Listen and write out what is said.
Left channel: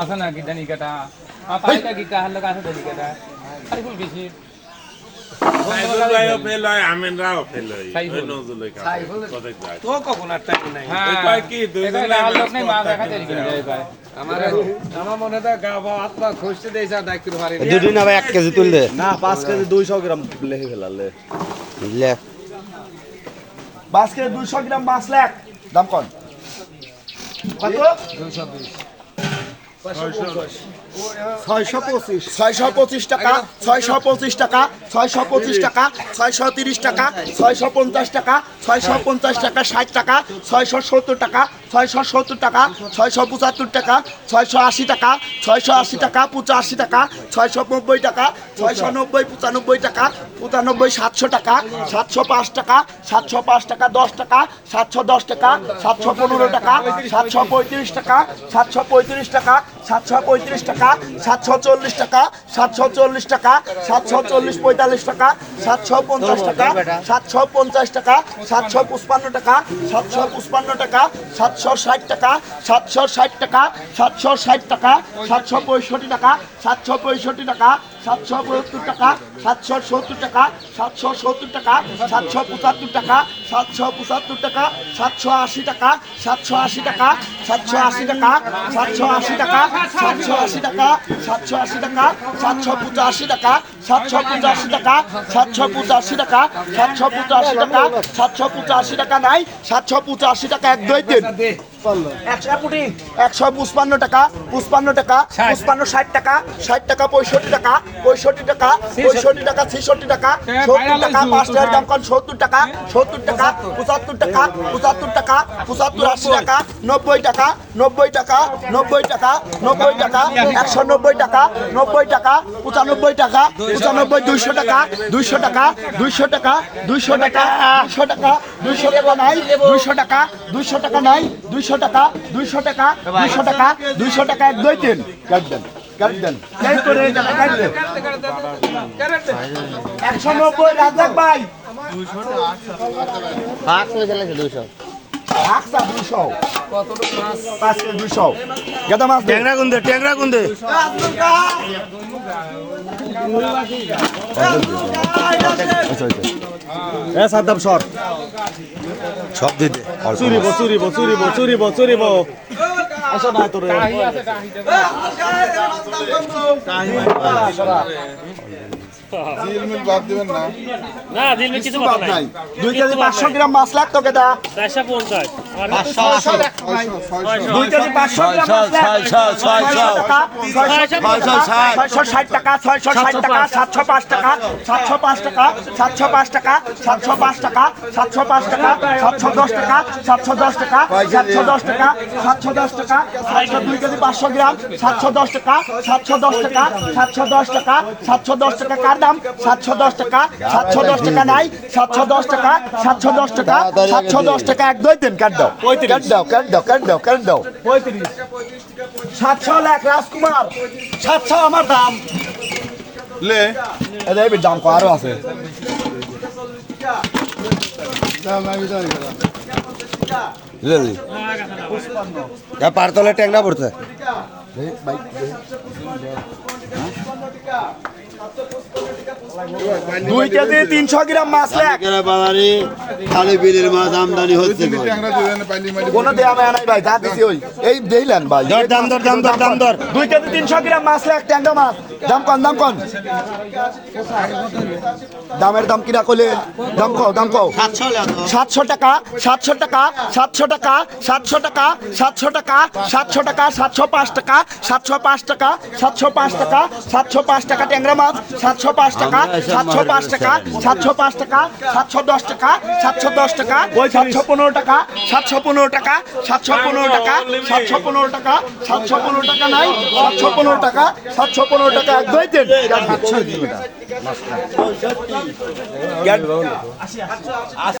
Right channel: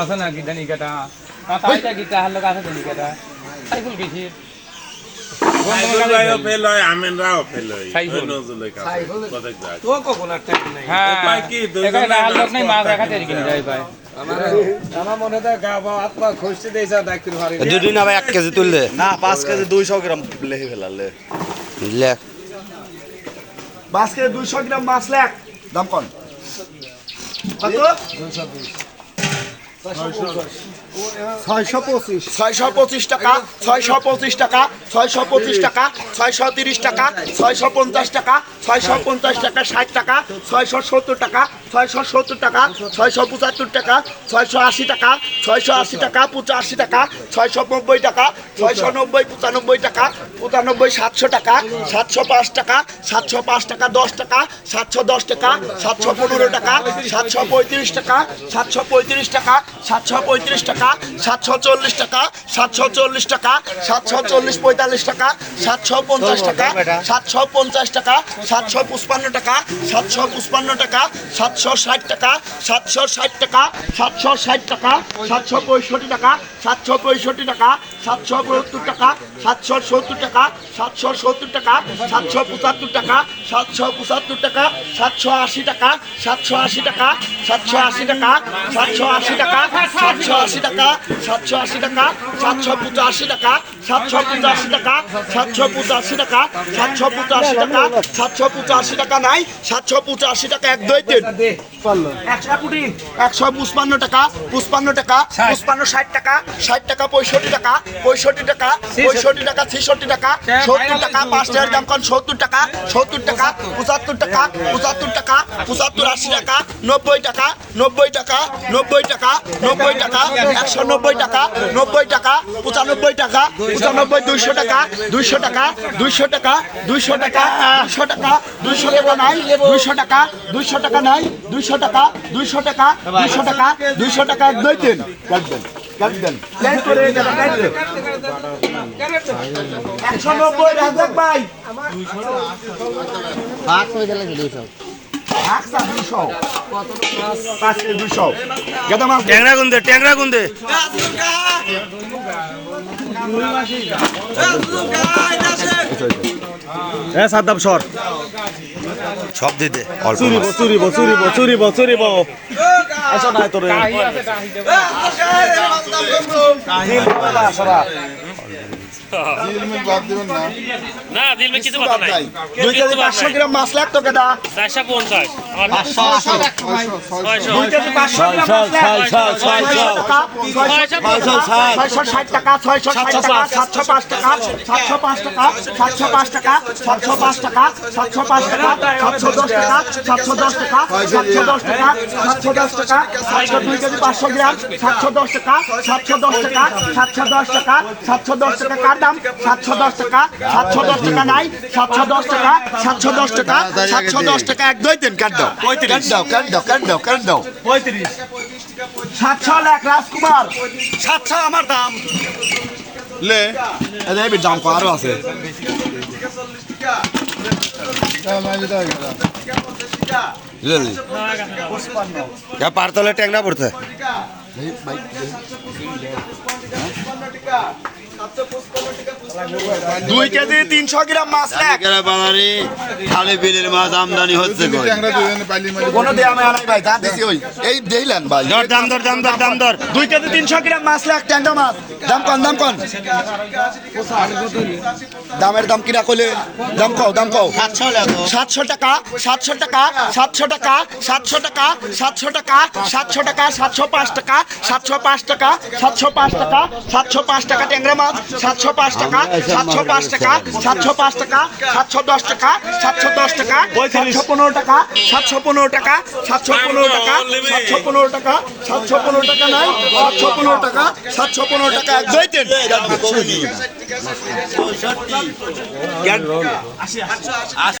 আছে না কেটা লোক আছে সাইফুল গেছি দুদিন আবার এক কেজি তুল দে না পাঁচ কেজি দুইশো গ্রাম লেহে ফেলালে। পাঁচ কেজি দুইশো গ্রাম মাছ লেখ দাম কন Patron. Başka bir baş. ছয়শো ছয়শো পঁচিশ টাকা ছয়শো পঁচিশ টাকা ছয়শো পঁচিশ টাকা ছয়শো তিরিশ টাকা ছয়শো পঞ্চাশ টাকা ছয়শো পঞ্চাশ টাকা ষাট টাকা ছয়শো সত্তর টাকা ছয়শো সত্তর টাকা ছয়শো পঁচাত্তর টাকা ছয়শো আশি টাকা ছয়শো আশি টাকা পঁচাশি টাকা ছয়শো নব্বই টাকা ছয়শো নব্বই পঁচানব্বই টাকা পঁচানব্বই সাতশো টাকা সাতশো পাঁচ টাকা সাতশো পাঁচ টাকা দশ টাকা সাতশো দশ টাকা সাতশো পনেরো টাকা সাতশো পঁয়ত্রিশ টাকা সাতশো পঁয়ত্রিশ টাকা সাতশো পঁয়ত্রিশ টাকা সাতশো চল্লিশ টাকা সাতশো চল্লিশ টাকা সাতশো চল্লিশ পঁয়তাল্লিশ টাকা সাতশো পঞ্চাশ টাকা সাতশো পঞ্চাশ টাকা সাতশো পঁচপান্ন টাকা সাতশো পঁচপান্ন টাকা সাতশো ষাট টাকা সাতশো ষাট টাকা সাতশো ষাট টাকা সাতশো পঁয়ষট্টি টাকা সাতশো পঁয়ষট্টি টাকা সাতশো পঁয়ত্তর টাকা সাতশো সত্তর টাকা সাতশো সত্তর টাকা সাতশো পঁচাত্তর টাকা সাতশো পঁচাত্তর টাকা সাতশো আশি টাকা সাতশো আশি টাকা সাতশো আশি টাকা সাতশো আশি টাকা সাতশো আশি টাকা সাতশো আশি টাকা সাতশো পঁচাশি টাকা সাতশো পঁচাশি টাকা সাতশো পঁচাশি টাকা সাতশো পঁচাশি টাকা সাতশো পঁচাশি টাকা নাই সাতশো পঁচাশি টাকা এক দুই তিন। একশো পঁচপান্ন টাকা পঁচপান্ন টাকা পঁচপান্ন ষাট টাকা ষাট টাকা পঁয়ষট্টি টাকা পঁয়ষট্টি টাকা পঁয়ষট্টি টাকা ছেষট্টি টাকা সত্তর টাকা পাঁচ টাকার দাম কন সত্তর টাকা সত্তর টাকা পঁচাত্তর টাকা পঁচাত্তর টাকা পঁচাত্তর আশি টাকা নব্বই টাকা নব্বই টাকা নব্বই টাকা নব্বই টাকা একশো নব্বই টাকা নব্বই টাকা পঁচানব্বই টাকা পঁচানব্বই দুইশো টাকা দুইশো টাকা দুইশো টাকা দুইশো টাকা দুইশো টাকা দুইশো টাকা নাই দুইশো টাকা দুইশো টাকা নাই দুইশো টাকা দুইশো টাকা দুইশো টাকা দুইশো টাকা এক তিন দেন একশো নব্বই ভাই হয়ে দুইশো একশো দুইশো পাঁচ কেজি দুইশো গেদা মাছ দে। ট্যাংরা গুন্দে ট্যাংরা গুন্দে। এ সাদ্দাম সর। সব দিতে অল্প চুরিব। চুরিব চুরিব চুরিব চুরিব আসো না তোর না দিল কিছু কথা নাই দুই কেজি পাঁচশো গ্রাম মাছ লাগতো কেদা চারশো পঞ্চাশ সাতশো দশ টাকা সাতশো দশ টাকা সাতশো দশ টাকা সাতশো দশ টাকা সাতশো দুই কেজি পাঁচশো গ্রাম সাতশো দশ টাকা। সাতশো দশ টাকা সাতশো দশ টাকা সাতশো দশ টাকা কার দাম সাতশো দশ টাকা সাতশো দশ টাকা নাই সাতশো দশ টাকা সাতশো দশ টাকা সাতশো দশ টাকা এক দুই তিন কাট দাও? পঁয়ত্রিশ। দাও কাট দাও কাট দাও কাট দাও? পঁয়ত্রিশ। সাতশো লাখ রাজকুমার। সাতশো আমার দাম। লে এবার দাম আরও আছে। পারতলে ট্যাংরা পড়তে দুই কেজি তিনশো গ্রাম মাছ লাখ খালি বিলের মাছ আমদানি হচ্ছে কোনো দেয়া মেলা নাই ভাই যা দিছি ওই। এই ভাই। দর দাম দর দাম দর দাম দর দুই কেজি তিনশো গ্রাম মাছ লাখ ট্যাংরা মাছ। দাম কন দাম কন? দামের দাম কিনা কইলে দাম কও দাম কও। সাতশো টাকা সাতশো টাকা সাতশো টাকা সাতশো টাকা সাতশো টাকা সাতশো টাকা সাতশো পাঁচ টাকা সাতশো পাঁচ টাকা সাতশো পাঁচ টাকা সাতশো পাঁচ টাকা ট্যাংরা মাছ সাতশো পাঁচ টাকা সাতশো পাঁচ টাকা সাতশো পাঁচ টাকা সাতশো দশ টাকা সাতশো দশ টাকা সাতশো পনেরো টাকা সাতশো পনেরো টাকা সাতশো পনেরো টাকা সাতশো পনেরো টাকা সাতশো পনেরো টাকা নাই সাতশো পনেরো টাকা সাতশো পনেরো টাকা এক দুই। তিন